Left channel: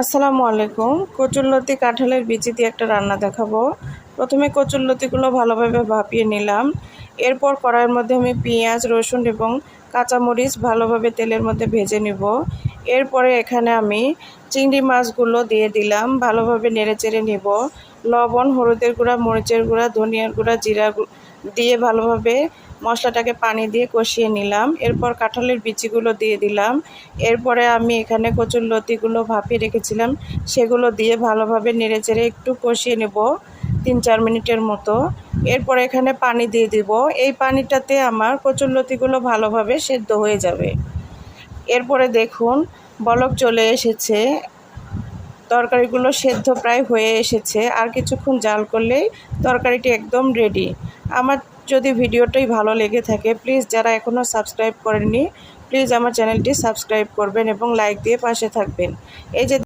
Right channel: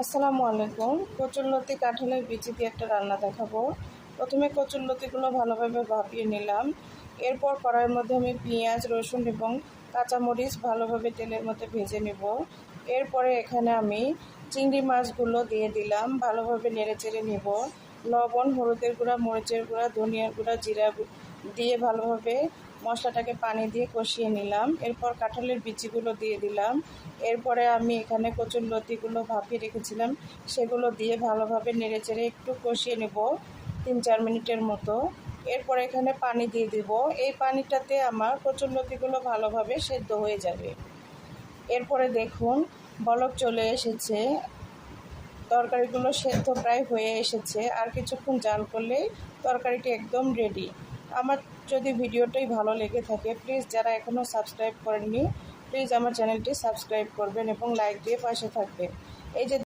আসসালামু আলাইকুম। কচুরলতি কাঁঠালের বিচি দিয়ে একটা রান্না দেখাবো। প্রথমে কচুরলতিগুলো ভালোভাবে ভাপিয়ে নিলাম। এরপর কড়াইয়ের মধ্যে আমি পেঁয়াজ, রসুন এবং কাঁচামরিচ ভালোভাবে তেলের মধ্যে ভেজে নিব। এরপরে এখানে আমি চিংড়ি মাছগুলো দিয়ে দিলাম, ভালোভাবে নেড়েচেড়ে নিব। লবণ, হলুদের গুঁড়া, মরিচের গুঁড়া, ধনিয়ার গুঁড়া, জিরা দিয়ে ভালোভাবে মশলাটাকে পানি দিয়ে কষিয়ে নিলাম। এরপর কাঁঠালের বিচিগুলো দিয়ে দিলাম। এরপরে আমি এখানে কচুরলতিগুলো ভাপিয়ে রেখেছিলাম সেগুলো দিয়ে ভালোভাবে নেড়েচেড়ে একটু কষিয়ে নেব 3-4 মিনিটের মতো। এরপর এখানে পানি দিয়ে দিব। এই পানিটাতে আমার কচুরলতিগুলো ভালোভাবে সেদ্ধ হয়ে যাবে। এরপরে দেখুন বলক চলে এসেছে, তরকারিগুলো সেদ্ধ প্রায় হয়ে এসেছে। আর কিছুক্ষণ জাল করলেই তরকারিটি একদম রেডি। আমার যদি ভিডিওটাই ভালো লেগে থাকে, প্লিজ যারা এখনও সাবস্ক্রাইব করেননি, প্লিজ আমার চ্যানেলটি সাবস্ক্রাইব করবেন এবং লাইক দিয়ে পাশে থাকবেন। এই যে